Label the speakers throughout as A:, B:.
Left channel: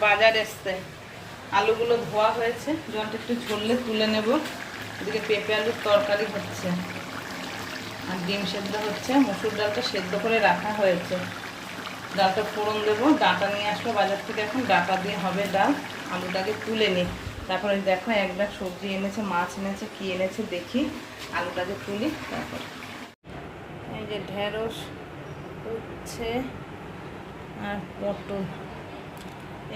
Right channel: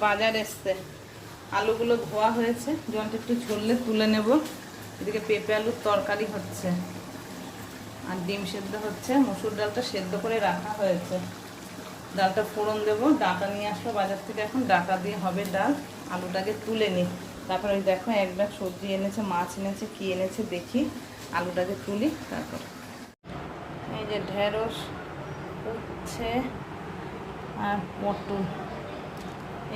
A: বাজার এসছে। আলুগুলো ধোয়া হয়েছে। জলটা একটু ঝরলে তুলে নেব। এদিকে পেঁপে আলুর তরকারি হচ্ছে। আর ডিম সেদ্ধ হচ্ছে। মসুর ডালটা সেদ্ধ করে রাখা হয়েছে। ডালটা ফোড়ন দেবো। ডাটা নিয়ে আসব বাজার থেকে এখন। ডাটা দিয়ে হবে ডাল। আলুটাকে তুলে নিই তারপর ওই দেখো, এক ব্যাগ সবজি এনেছে, মাছ এনেছে, কি এনেছে দেখি। আলুটাকে তুলি, তারপর। এই যে ঢেঁড়স হচ্ছে আর পটল।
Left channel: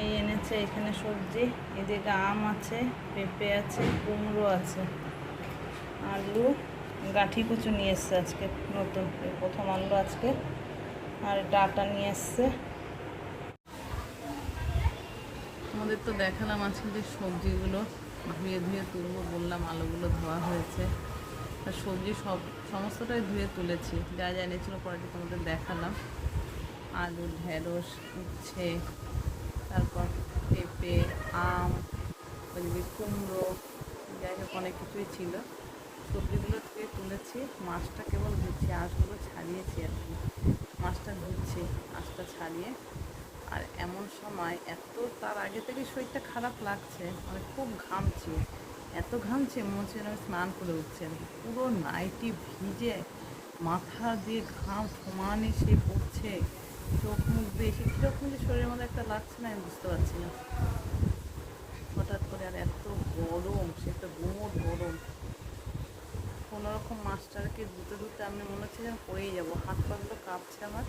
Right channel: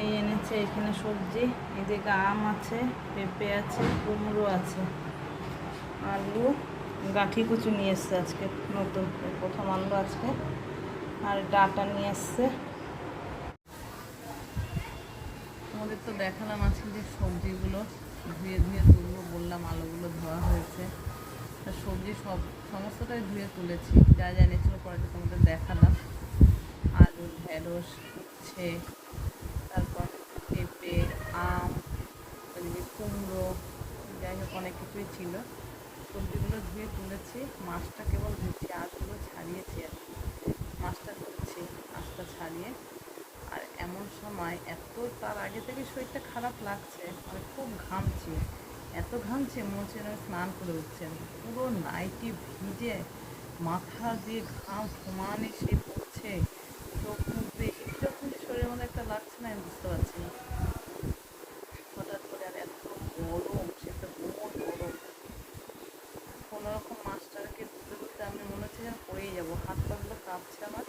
A: এই এনেছে এখানে সবজি, এদিকে আম আছে, পেঁপে আছে, কুমড়ো আছে, আলু, গাঁঠি কুচু নিয়ে এসছে আজকে, নতুন প্রথম আনলো আজকে, আর ডাটা নিয়ে এসছে। তোমাদের তো দেখালাম আজকে যে সবজিগুলো, ধুয়ে ধুয়ে তুলবো বললাম, আলুগুলো ধোয়া হয়েছে। তা সবজি সব, সমস্তটাই ধুয়ে তুলেছি, যা যা এনেছিল পরে তোমাদের দেখালাম। আলু, ঢেঁড়স, উচ্ছে তারপর পেঁপে, আম ওইদিকে কুমড়ো, যাই হোক অনেক কিছুই ছিল। সবজিগুলো ধুয়ে তুলেছি। মাছটা কেবল ধুচ্ছি, আঁশগুলো ছাড়িয়েছি আর কি। মাছটা ধুচ্ছি, আঁশটা ছাড়িয়ে। আর এমন সময় এত তার আগে থেকে শরীরটা খারাপ লাগছে মানে খুব ঘামছি। এত ঘামছে, মনে হচ্ছে স্নান করে উঠছেন পুরো নাইটি ভিজে, মাথা দিয়ে ঘাম সমানে সে পড়ছে চোখ মুখ বেশি কীরকম যে শরীরের মধ্যে একটা লাগছে না, আমি বুঝতে পারছি না। হঠাৎ করে আর এত গরম, সে একটা গুমোট গরম। কোনো রকম মাছটাকে ধুতে ধুতে আমি মনে হচ্ছে যেন পড়েই যাব। হাত পাগুলো কাঁপছে আমার,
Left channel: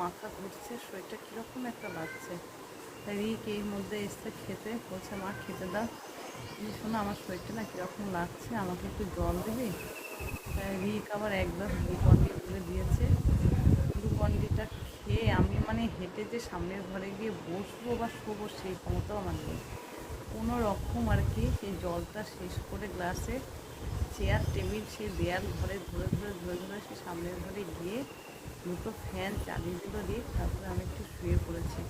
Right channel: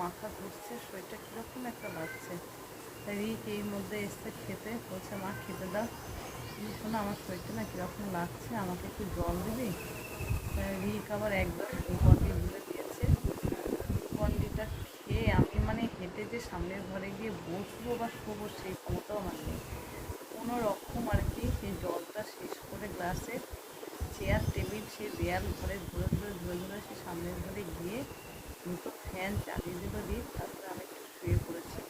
A: মাথা ঘুরছে, শরীরটা কীরকম একটা লাগছে। রিক এই মধ্যে এসে খেতে বলছে, মা, খেতে দাও। এই শোনো, আমার শরীরটা না কীরকম লাগছে, আমাকে একটু জল দিবি? রিক আবার একবার গ্লুকন্ডি গুলে দিয়েছে গ্লুকন্ডিটা খেয়ে আমি মানে হেঁটে যে সামনের ঘরে গিয়ে বসবো বা শোবো সেই ক্ষমতাও আমার নেই। কোনো রকম আর কি, সেই জলটা শেষ করে গ্লাসে চেয়ার টেবিল সেই দেয়াল ঘরে ধরে ঘুরে ধরে ধরে সে সামনের ঘরে গিয়ে দুটো ফ্যান চালিয়ে দিল দিয়ে তারপরে আমি একটু শুয়ে পড়েছি।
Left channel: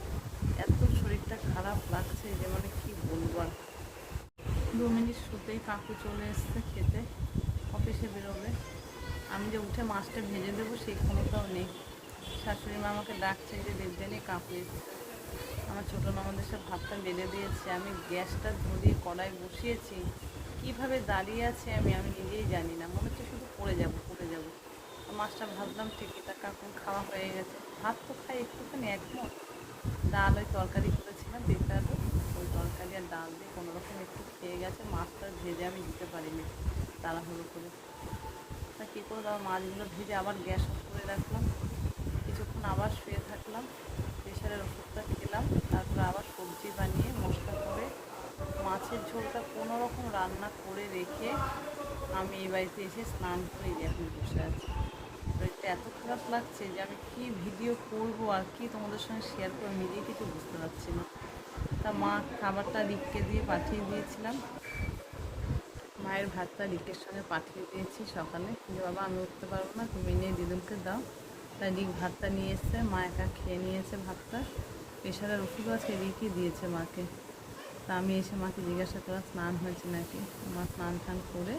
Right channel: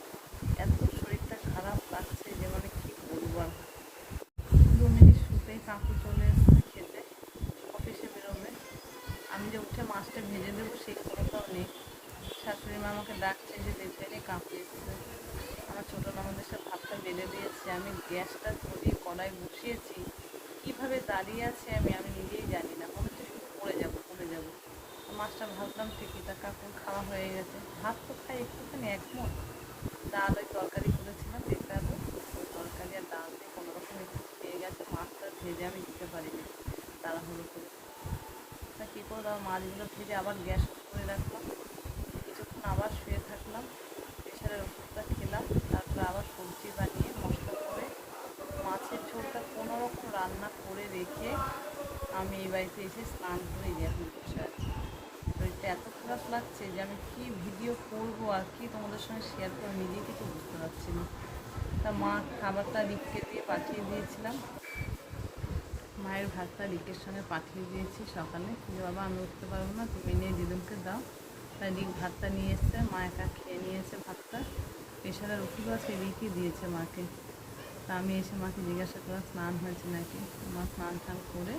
A: এত শরীরটা খারাপ লাগছে যে মানে কী বলব আর। দু মিনিট শুতেই কাকু চলে এসছে খেতে, অফিসে বেরোবে। আমি যে উঠে মাছটা ভেজে দেবো সেই ক্ষমতাও নেই। শাশুড়ি মা আমাকে ডাকছে যে কাকু এসছে আমার ছোটো ননদের সব ভাতটা বেঁধে দিয়েছে। আমি গ্যাসটা ধরিয়ে কড়াই বসিয়েছি। কীভাবে দাঁড়িয়ে আছে আমি আমি নিজেই জানি না। মনে হচ্ছে শুধু পড়ে যাব পড়ে যাব। মাছটা ভাবলাম ঠিকই তা কাকুর খাওয়া হয়ে গেছে। ভাত তো খাই একটুখানি একমত। ডাল ওই তরকারি করেছিলাম আলু ওই তরকারি আর ডাল দিয়ে কোনো রকম একটু খেয়ে গেছে। মাছটা ভেজে আমি দিতে পারিনি তাড়াহুড়ো করে। তা কী করলাম মাছগুলো ভেজে আবার গ্যাস করে রাখলাম। আবার শুয়ে থাকলাম প্রেশারের ওষুধটা খেলাম, তারপরে আবার সবজি বানিয়ে মশলা করে মাছের ঝোলটা কোনো রকম রান্না করে রেখে আমি এই বাড়িতে এসে স্নান করে এখন বসে আছি। শরীরটা এত খারাপ লাগছে যে আমি কী ভিডিও করব আর কি তোমাদের সঙ্গে শেয়ার করে নিজেই কিছু বুঝতে পারছি না। তা মা খাবারটা রিককে দিয়ে পাঠিয়ে দিয়েছিলাম। মায়ের ভাতটা রিকের সঙ্গে পাঠিয়ে দিয়েছি সকালে। যে বাবা, আমি উঠতে পারব না, তুমি নিয়ে দিদুমকে দাও। রিক ভাতটা নিয়ে এসছে, মা একা খেয়ে নিয়েছে ভাতটা। প্রেশারের ওষুধ আছে রিকই দিয়েছে মাকে। তা আমি এসে মাকে জিজ্ঞাসা করা স্নান হয়েছে নাকি? মা স্নান টান করে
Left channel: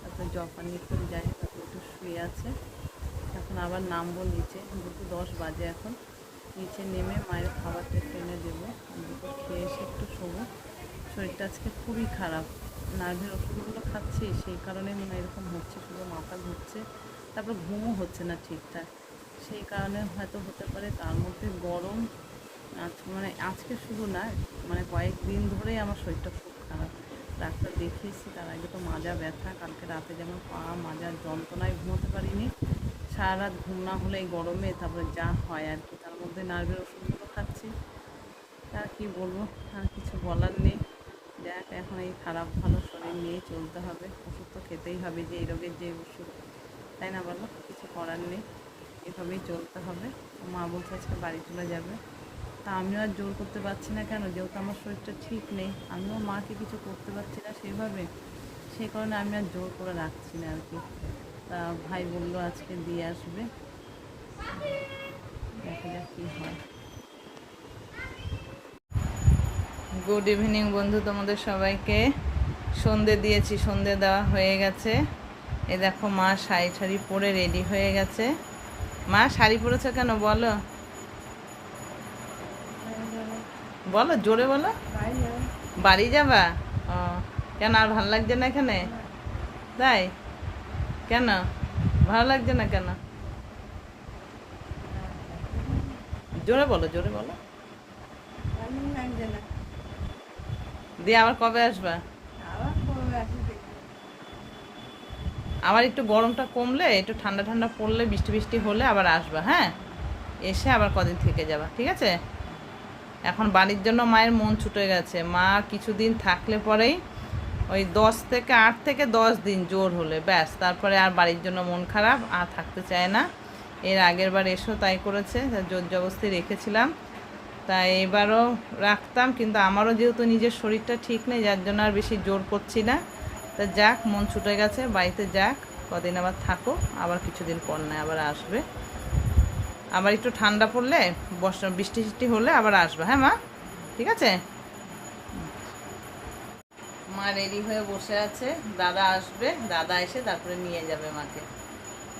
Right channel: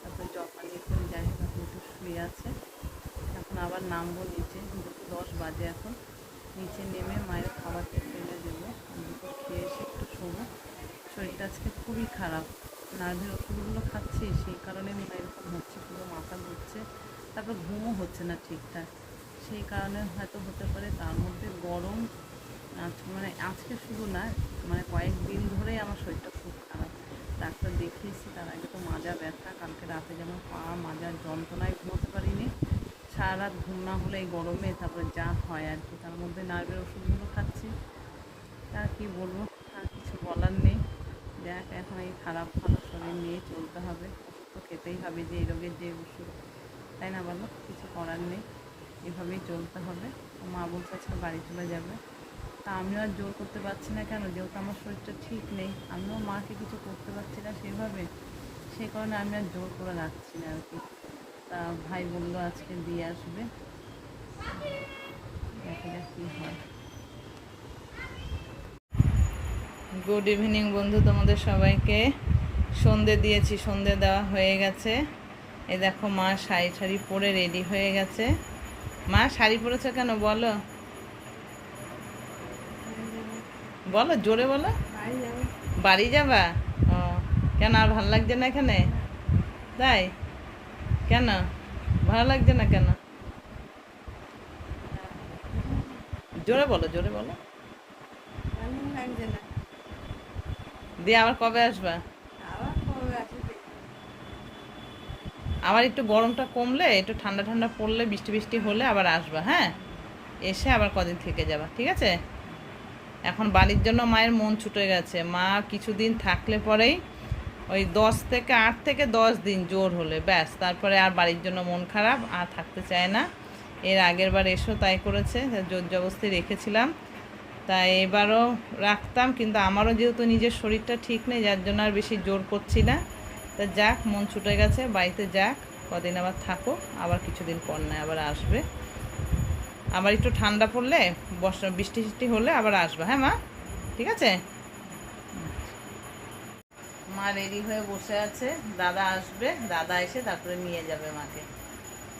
A: তারপরে জল পানি করে যাই তারপরে একটু শুয়ে আছে। এখন আবার নামবো নিচে, দুটো দশ বাজে এখন। নিচে নেমে মায়ের খাবারটা টেনে দেবো। আর দুটো খেয়ে এসে একটু শোবো। শরীরটা আজকে খুবই খারাপ। নার্ভের ওষুধগুলো খাচ্ছি, সেই কারণে মনে এরকম হচ্ছে, শুধু মাথা ঘুরছে। তারপর ঘুমও হচ্ছে না ঠিকঠাক। সেই কারণে হয়তো হতে পারে তার মধ্যে গরম মানে আজকে শুধু না মানে কয়েকদিন ধরেই আমার শরীরটা খুব খারাপ। ডাক্তার দেখিয়েছি তার আগে তো মাজা ব্যথা, কালকে রাতে যেমন পা মাজার যন্ত্রণায় ঘুমোতে পারিনি। সারা রাত ঘুম না হলে গরমে তারপরে যা হয় আর কি, তার মধ্যে নার্ভের ওষুধগুলো খাচ্ছি। আর কি বলব, আর কিছু বলার নেই। দেখ, এখন এই খারাপ, ভালো শরীর নিয়ে চলতে হবে। ওষুধ তো খেতেই হবে যে এই রোগের যে ওষুধ। তাই না বলো, কিছু করার নেই। এভাবেই চলতে হবে। মা বলছে আজকে বাড়ি চলে যাবে। তা আমিও আর জোর করতে পারছি না কেন? যেহেতু আমার শরীরটা ঠিক নেই, আমিও মাকে কিছু করতে পারছি না সেভাবে। সে কারণে আমি আর জোর করে রাখছি না আর কি। তা ভাই বলল আজকে দিয়ে আসবে। দেখা যাক কী হয়। গুড ইভিনিং বন্ধু তোমাদের সবাইকে। সন্ধে দিয়েছি, সন্ধে দেওয়া হয়ে গেছে। এ দেখো মা শাড়ি ঠাড়ি পরে রেডি হয়ে গেছে। মা শাড়ি পরেছো কেন? বলো। বলো জোরে বলো।
B: বাড়ি যাবা?
A: ও কেন আর ভালো লাগছে না এখানে? তাই? কেন? ভালো লাগছে না কেন? জোরে বলো জোরে বলো। দিয়ে আবার কবে আসবা
B: আবার কবে আসবে
A: আবার একটু গরমটা কমলে, একটু ঠান্ডা ঠান্ডা পড়লে, বৃষ্টি বৃষ্টি হলে আবার আসবা হ্যাঁ? এসে আবার কদিন থেকে যাবা, ঠিক আছে? এখন বাড়ির জন্য মায়ের মন ছুটে গেছে। মা কিছুদিন থাকলে পরেই ওই দশ থেকে আট থেকে দশ দিন জোর হলে, ব্যাস, তারপরে আর বাড়ির জন্য মন খারাপ, আর থাকতে চায় না। এর আগের বার এসো তাই করেছে জোর জবস্তি রেখেছিলাম। তাই এবারও রাখতাম, কিন্তু আমারও যেহেতু নিজের শরীরটা ঠিক নেই, যার জন্য আর বেশি জোর করছি না। তা যাক, মন ছুটে গেছে, বাড়িতে যাক, কদিন আবার থাকো, আবার কিছুদিন পর নয় আবার আসবে। আবার একটু ঠান্ডা পড়লে, বর্ষা, বৃষ্টি বৃষ্টি হলে আবার আসবে হ্যাঁ মা? ঠিক আছে? মা রেডি হয়ে বসে আছে, দাদা আসবে, দাদা এসে তারপরে নিয়ে যাবে মাকে।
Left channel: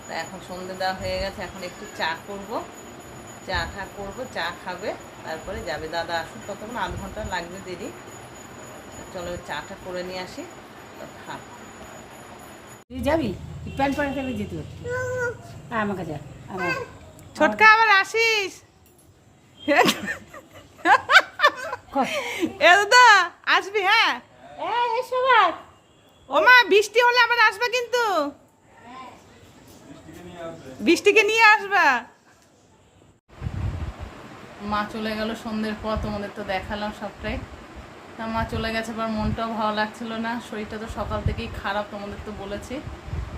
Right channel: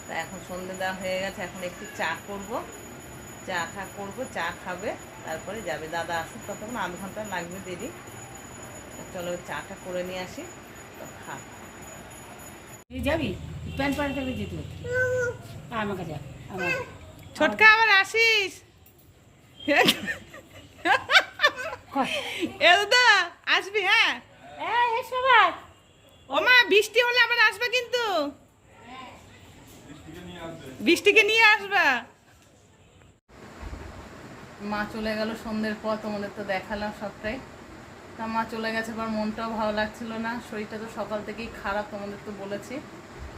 A: তা এখন সন্ধে দেওয়া হয়ে গেছে, এখন একটু চা করব। চা খা, করব, চা খাবে, তারপরে যাবে, দাদা আসুক, ততক্ষণ আধ ঘণ্টা লাগবে দেরি। চলো চাটা করে নিয়ে আসি।
B: তুই যাবি? প্যান্ট যেতে আমার
A: ছোটকা আবার আসিস? এ দাদা আসবি হ্যাঁ?
B: এসো ভাই
A: ও মা বৃষ্টি হলে আবার আসবে কিন্তু। বৃষ্টিকে নিয়ে আসবা। মা চলে গেল সন্ধ্যের পর তোমাদের তো দেখালাম সবটাই। তা মা চলে গেছে আবার মনটাও ভালো লাগছিল না, শরীরটা তো সকাল থেকেই খারাপ তোমাদের তো বলেছি।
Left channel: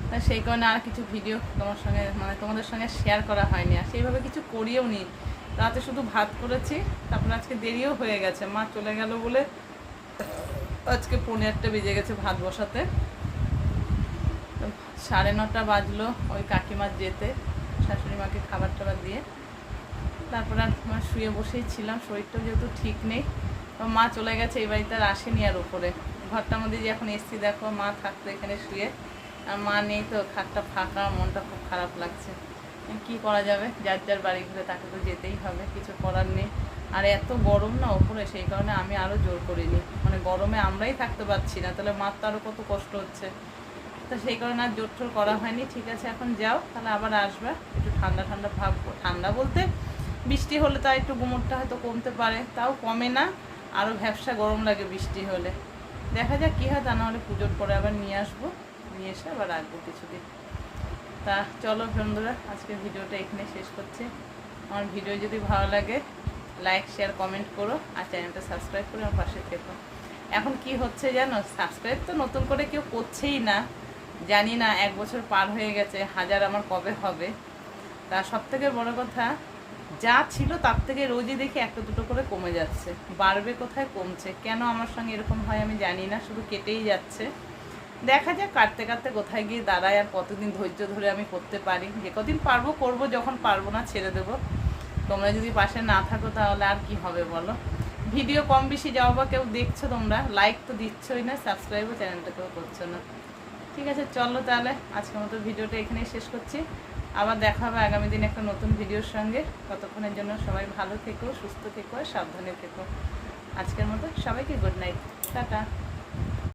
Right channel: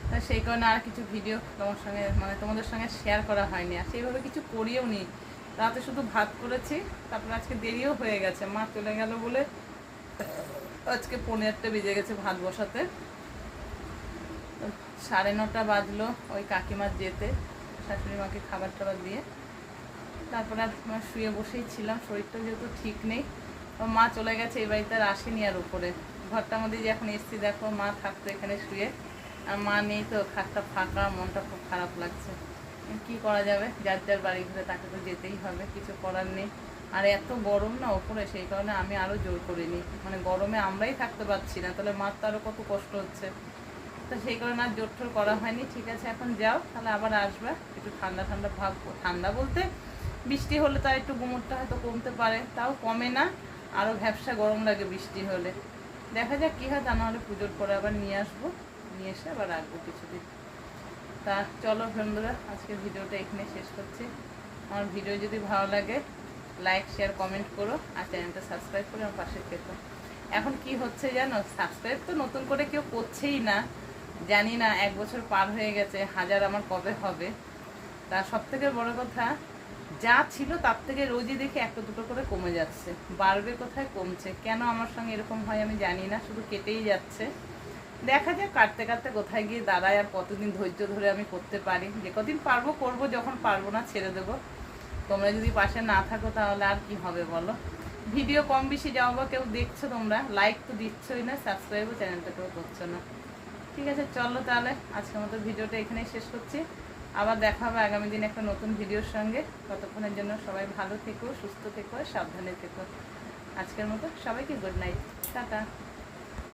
A: তা সেই কারণে আর কিছু ভিডিও তোমার সঙ্গে মানে তোমাদের সঙ্গে শেয়ার করা হয়নি, আর সেইভাবে কিছু করিও নি। রাতে শুধু ভাত করেছি, তারপরে আজকে দেরিও হয়ে গেছে। মা চলে গেল বলে আজকে পনেরোটা বেজে গেছে ভাত বসাতে। সাড়ে নটা বাজলো ওই কাকিমার যেতে, শাশুড়ি মাকে খাবার টাবার দিয়ে। তারপর আর শুয়ে বসেই ছিলাম, শরীরটাও যেহেতু ঠিক নেই। মা চলে গেছে, এই বাড়িতে আর আসেনি আর উপরে। ঘরটার মধ্যে যে এখন এসছি, দেখো মা থাকতো এখানে শুয়ে। আর মা নেই তো, খাটটা ফাঁকা, মনটা খুব খারাপ লাগছে। কি করা যাবে? যার যার বাড়ি ঘুরে তাকে তো যেতেই হবে, কিছু করার নেই। আর এত গরম না ওপরে সেই কারণে আমি আরও জোর করিনি। মানে গরমে আমরাই থাকতে পারছি না, তাহলে মার তো আরও কত কষ্ট হচ্ছে। তো সেই কারণে আর জোর টোর করা হয়নি, ঠিক আছে, এখন যাও, তাহলে আবার আসবে। একটু ঠান্ডা ঠান্ডা ভাব, ঠান্ডা বলতে, বৃষ্টি হলে তার একটু গুমরটা হয়তো কমতে পারে, তাও কমে না। আরও ভ্যাবসা গরম লাগে বৃষ্টি হলে। দেখা যাক কী হয়, তা নাহলে পুজোর পরে আবার নিয়ে আসব। নিয়ে এসে আবার রাখব কিছুদিন। তা চলো বন্ধুরা আজকে ভিডিওটা এখানে শেষ করছি। আমার ভিডিও যদি ভালো লাগে লাইক শেয়ার কমেন্ট করো আর চ্যানেলটা সাবস্ক্রাইব করে আমার পাশে থেকো। এখন কি হচ্ছে জানো? সাবস্ক্রাইব তো নতুন করে কেউ করছেই না। জানি না, এক বছর পার হয়ে গেছে, হাজার আমার কবে হবে? তা সব থেকে বড় কথা যা ছিল তার থেকে রোজই দেখি একটা দুটো করে কমে যাচ্ছে। বাড়বে কোথায় কমছে? কেন আমার সঙ্গে এরকম হয় আমি জানি না, শুধু কেটেই যাচ্ছে। দেখা যাক, কাটতে কাটতে কোথায় গিয়ে দাঁড়ায় আর কতদিন ধৈর্য ধরে আমি করতে পারি। যে কদিন পারব, করব, যখন পারব না, ছেড়ে দেবো। তোমরা যদি পাশে না থাকো তাহলে আর কি হবে বলো? ভিডিও কম বেশি যাও বা কেউ দেখছ তোমরা লাইক তো দিচ্ছই না সাবস্ক্রাইবও চ্যানেলটাকেও করছ না। ঠিক আছে, চলো তাহলে, আজকের মতো ভিডিওটা এখানেই শেষ করছি। আবার দেখা হবে আগামী দিন একটা নতুন ভিডিওর সঙ্গে। ততক্ষণের জন্য সবাই ভালো থেকো, সুস্থ থেকো সাবধানে থেকো। আজকের মতো সবাইকে গুড নাইট টাটা।